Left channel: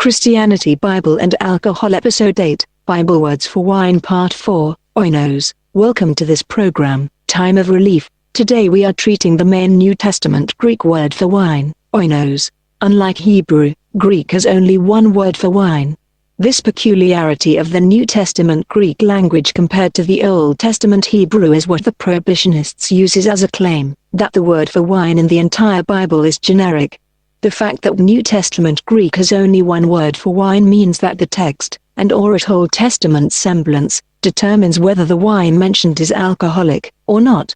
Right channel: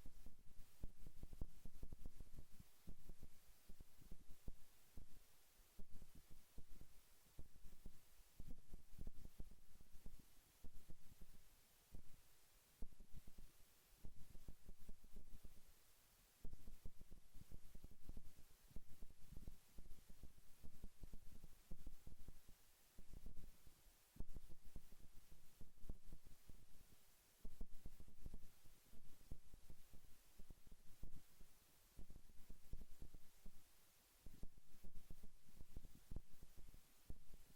Christianity Bible and Alcohol Episode 8, Bible Words for Wine Part 4, Oinos. Welcome to this program, Time of Relief. Today we are treating the main New Testament Greek word for wine, oinos. Unlike Hebrew, Greek has only one word for wine. This peculiarity of the New Testament Greek language compared to the Old Testament Hebrew is what the prohibitionists uses as a claim, that the word for wine in the entire Bible is generic. The fact that New Testament Greek has only one word for wine means that the text, and/or its Old Testament semblance, determines whether the wine mentioned is alcoholic, or not.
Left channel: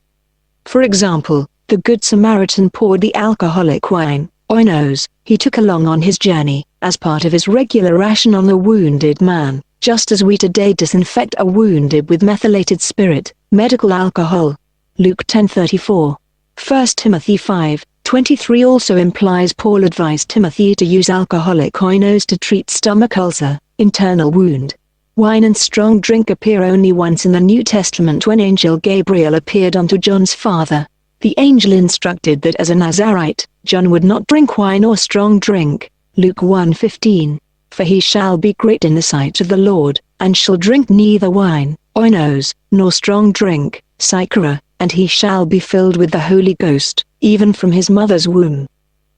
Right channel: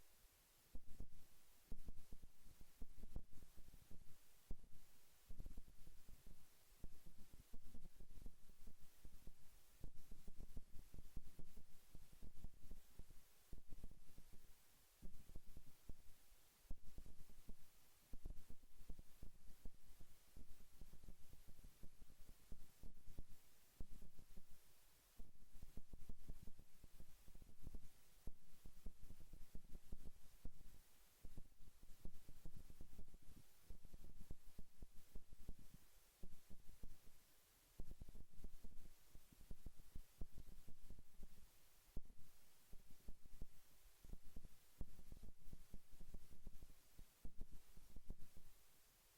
For example, the Good Samaritan poured the alcoholic wine, oinos, he took along on his journey, as part of his regular ration on a wounded man, just as we today disinfect a wounded with methylated spirit, medical alcohol. Luke 10:34. 1 Timothy 5:23 also implies Paul advised Timothy to use alcoholic oinos to treat stomach ulcer, internal wound. Wine and strong drink appear only once in the New Testament when Angel Gabriel appeared unto John's father. The angel instructed that as a Nazarite, John would not drink wine or strong drink. Luke 1:15. For he shall be great in the sight of the Lord, and shall drink neither wine, oinos, nor strong drink, psychera, and he shall be filled with the Holy Ghost, even from his mother's womb.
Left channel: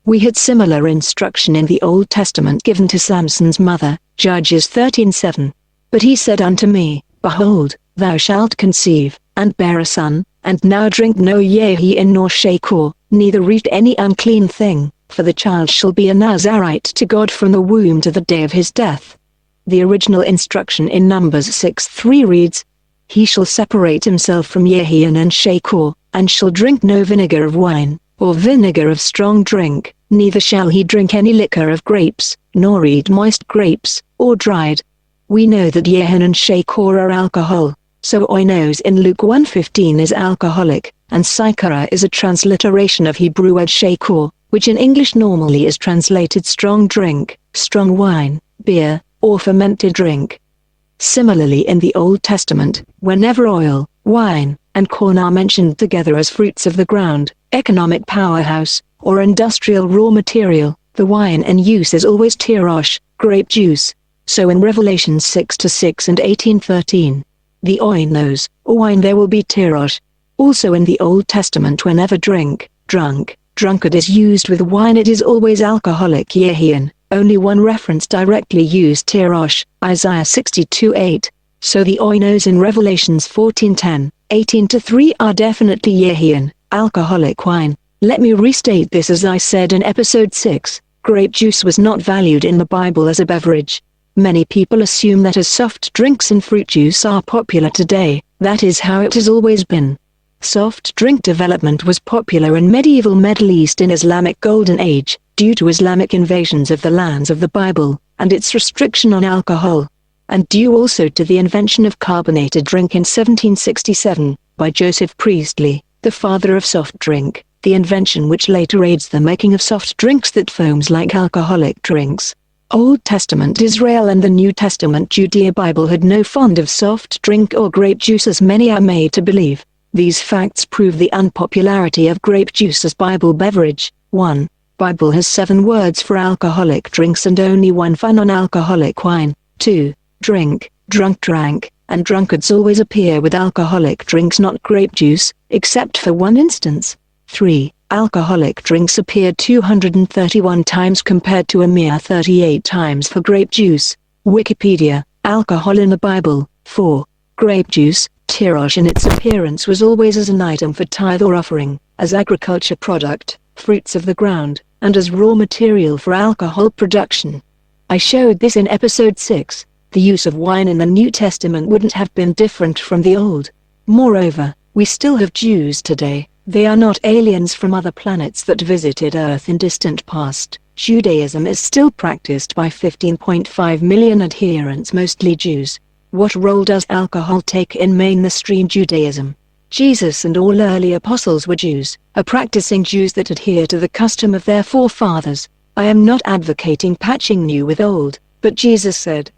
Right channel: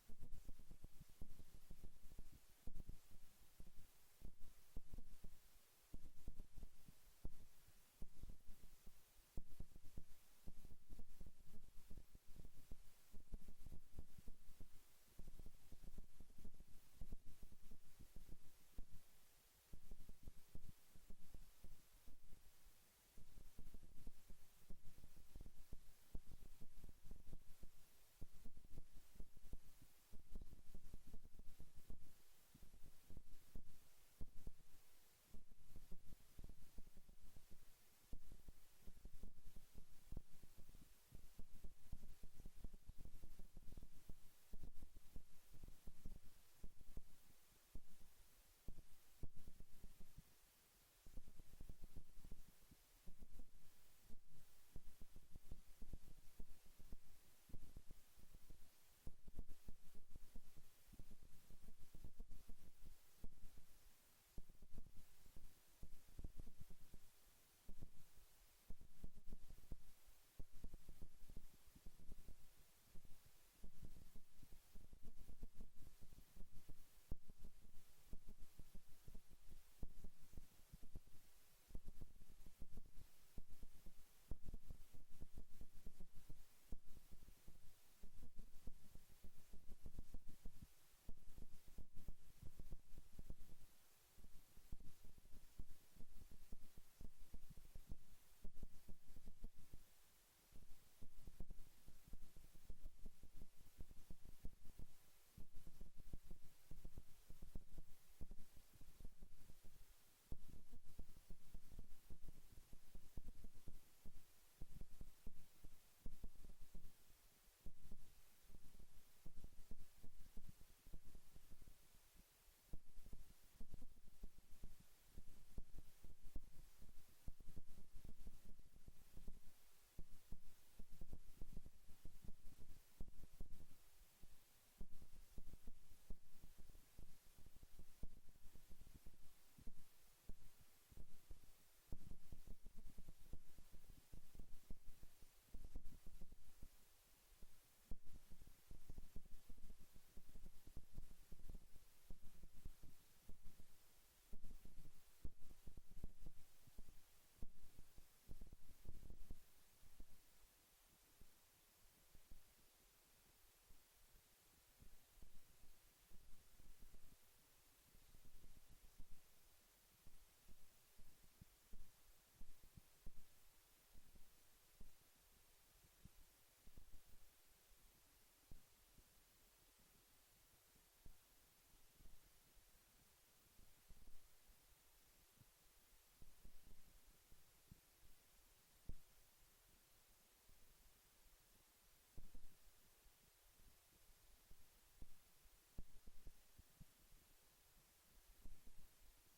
We had similar instruction in the Old Testament given to Samson's mother, Judges 13:7. But he said unto me, Behold, thou shalt conceive, and bear a son, and now drink no yahin nor shakor, neither eat any unclean thing, for the child shall be a Nazarite to God from the womb to the day of his death. The original instruction in Numbers 6:3 reads, He shall separate himself from yahin and shakor, and shall drink no vinegar of wine, or vinegar of strong drink, neither shall he drink any liquor of grapes, nor eat moist grapes, or dried. We know that yahin and shakor are alcohol, so oinos in Luke 1:15 is alcoholic, and psychera is a transliteration of Hebrew word shakor, which in English normally is translated strong drink, strong wine, beer, or fermented drink. Similarly in the Old Testament, whenever oil, wine, and corn are mentioned together as fruits of the ground, economic powerhouse, or industrial raw material, the wine in use is always tirosh, grape juice. So in Revelation 6:6 and 18:13, the oinos, or wine there will be tirosh. Also in the Old Testament whenever drink, drunk, drunkard is used with wine it is always alcoholic yahin. Only one reference directly used tirosh, Isaiah 62:8. So the oinos in Revelations 14:10, 18-3 are definitely yahin, alcoholic wine. Let me restate this as I said in episode 6, grape juice was not valued in the Bible as a beverage. Many people assume that as soft drinks and fruit juice are popular today, that is how it has always been. Soft drink development was popular in medieval Middle East in Islamic Golden Age, due to Islamic invasions of the lands of the Bible, and its restriction on alcohol. And due also to the invention of carbonated drink in 1767, by Joseph Priestley, the father of soft drink, the invention which later aids the making of soft drinks that foams like alcoholic drinks. Old Testament Israel and the New Testament Judea Bible had no fond of soft drink or grape juice as many are made to believe. These facts prove the unpopularity of grape juice as Bible beverage. 1. Bible has 7 words for alcoholic drinks and only one for non-alcoholic wine. 2. Drink, drunk, drank, and drunkards always appear with alcoholic drinks not grape juice, except for one instance. 3. Alcoholic drinks appear 231 times compared to a mere 38 times for grape juice. Wikipedia, alcohol in the Bible. 4. Grape juice, tirosh in its appearance was always as an item for tithe or offering, as agriculture product, fruits of the ground, and as raw material for alcohol production. I showed this in episode 6. The use of wine in the New Testament wouldn't have been different from the Old. Moreover, we still have Jews today. They are not aliens from other planets that visited Earth in distant past. Judaism is still practiced by 15.5 million adherents, mostly Jews. What role does alcohol take in mainstream Judaism? Jesus and all early apostles were Jews, practicing Jews that adhere to the custom of their forefathers. I am not advocating patching new with old, but Jesus said,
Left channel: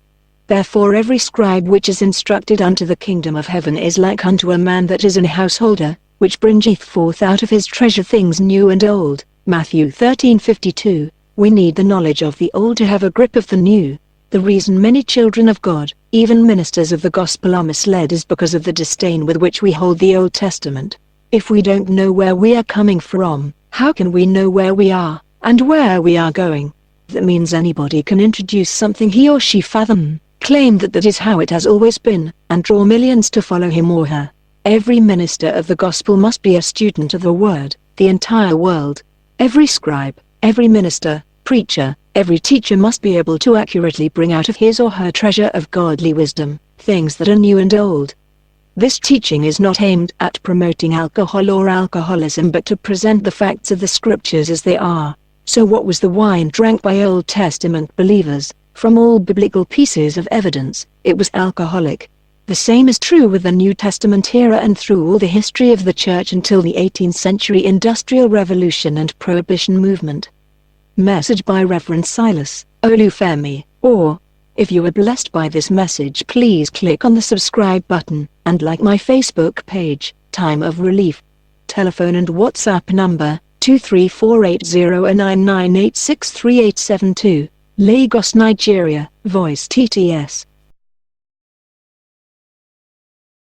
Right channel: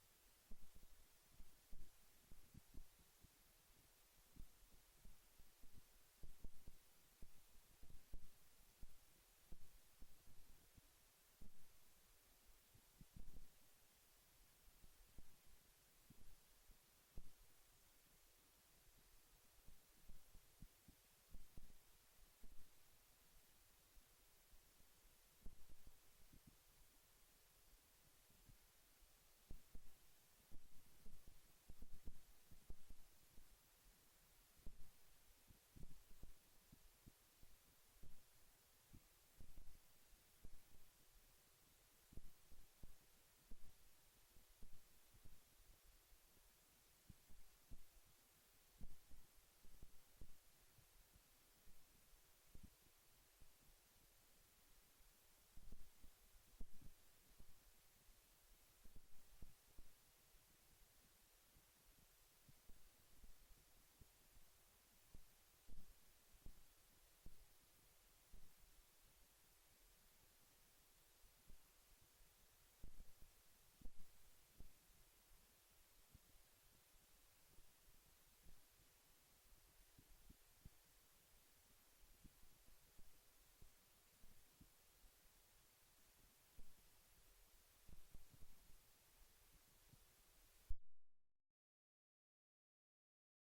Therefore every scribe which is instructed unto the kingdom of heaven is like unto a man that is an householder, which bringeth forth out of his treasure things new and old. Matthew 13:52. We need the knowledge of the old to have a grip of the new. The reason many children of God, even ministers of the gospel, are misled is because of the disdain with which we hold the Old Testament. If we don't know where we are coming from, how can we know where we are, and where we are going? That means anybody can introduce something he or she fathom, claim that that is how it has always been, and draw millions to follow him or her. Every minister of the gospel must be a student of the word, the entire world. Every scribe, every minister, preacher, every teacher must be able to accurately bring out of his or her treasure of godly wisdom, things that are new and old. This teaching is not aimed at promoting alcohol or alcoholism, but to present the facts of the scriptures as they are. So what was the wine drank by Old Testament believers? From all biblical pieces of evidence, it was alcoholic. The same is true with the New Testament era and through all the history of the Church until the 18th century Industrial Revolution and Prohibition movement. Message by Reverend Silas Olufemi. Or, if you were blessed by this message, please click on the subscribe button, and like my Facebook page, Time of Relief. Telephone and WhatsApp number, 2348099863872, Lagos, Nigeria, Voice TTS.